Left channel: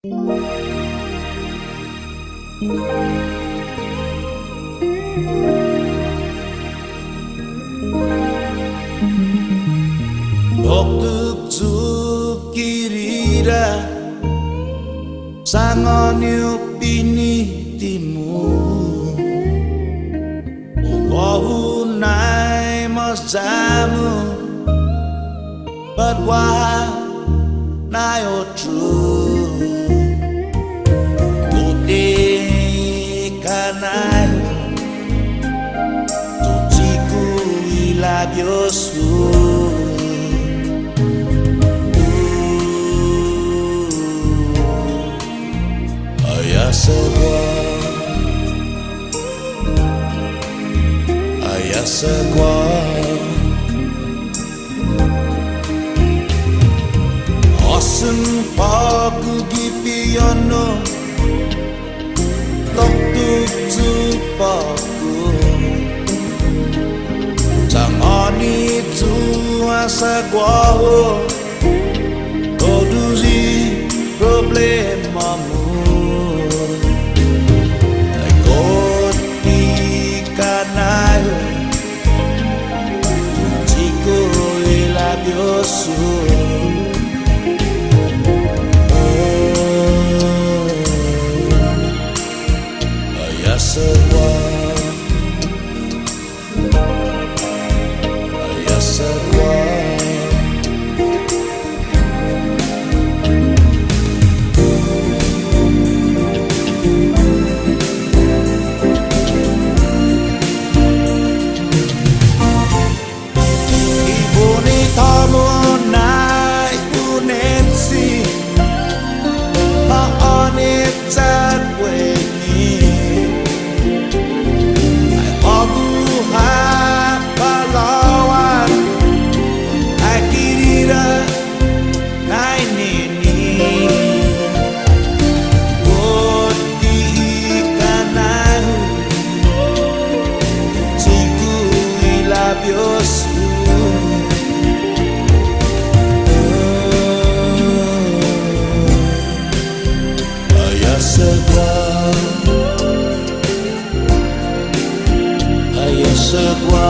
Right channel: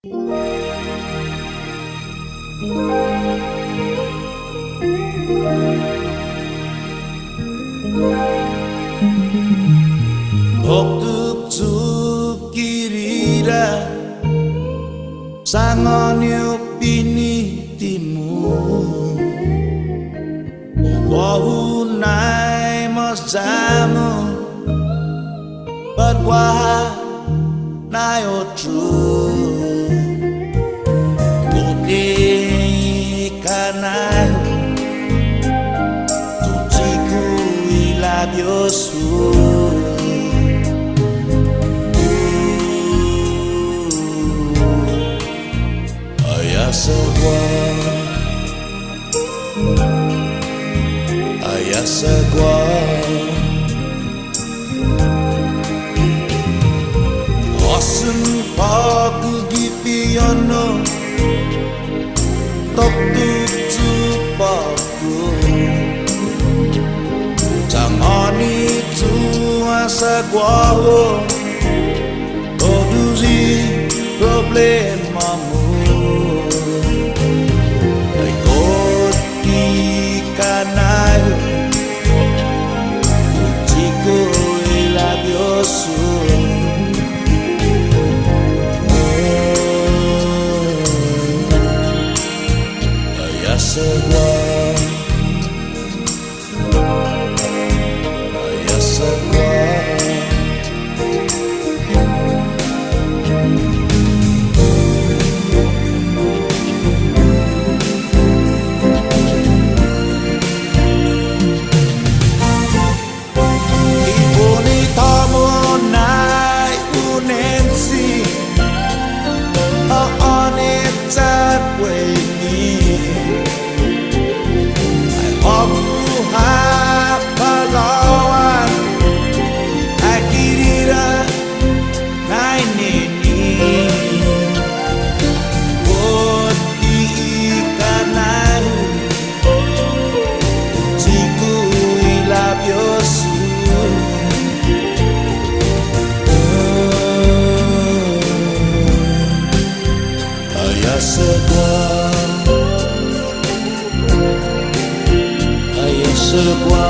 Oktuk kirira sangonyo pinitimu Wahunay masamu Badwa na yotru Kote kanayo Tuchiku ilabiosu Ayasagwa Osun paku gipiyono Tok tuk tupaku Tangani tu asagwa Koduzi problemamu Kanayo Tuchiku ilabiosu Ayasagwa Ayasagwa Monai unensi Maonita kwenye Ay hogu hapalawan Ay kirira nainini Koti ikanahu Chiku ilabiosu Ayasagwa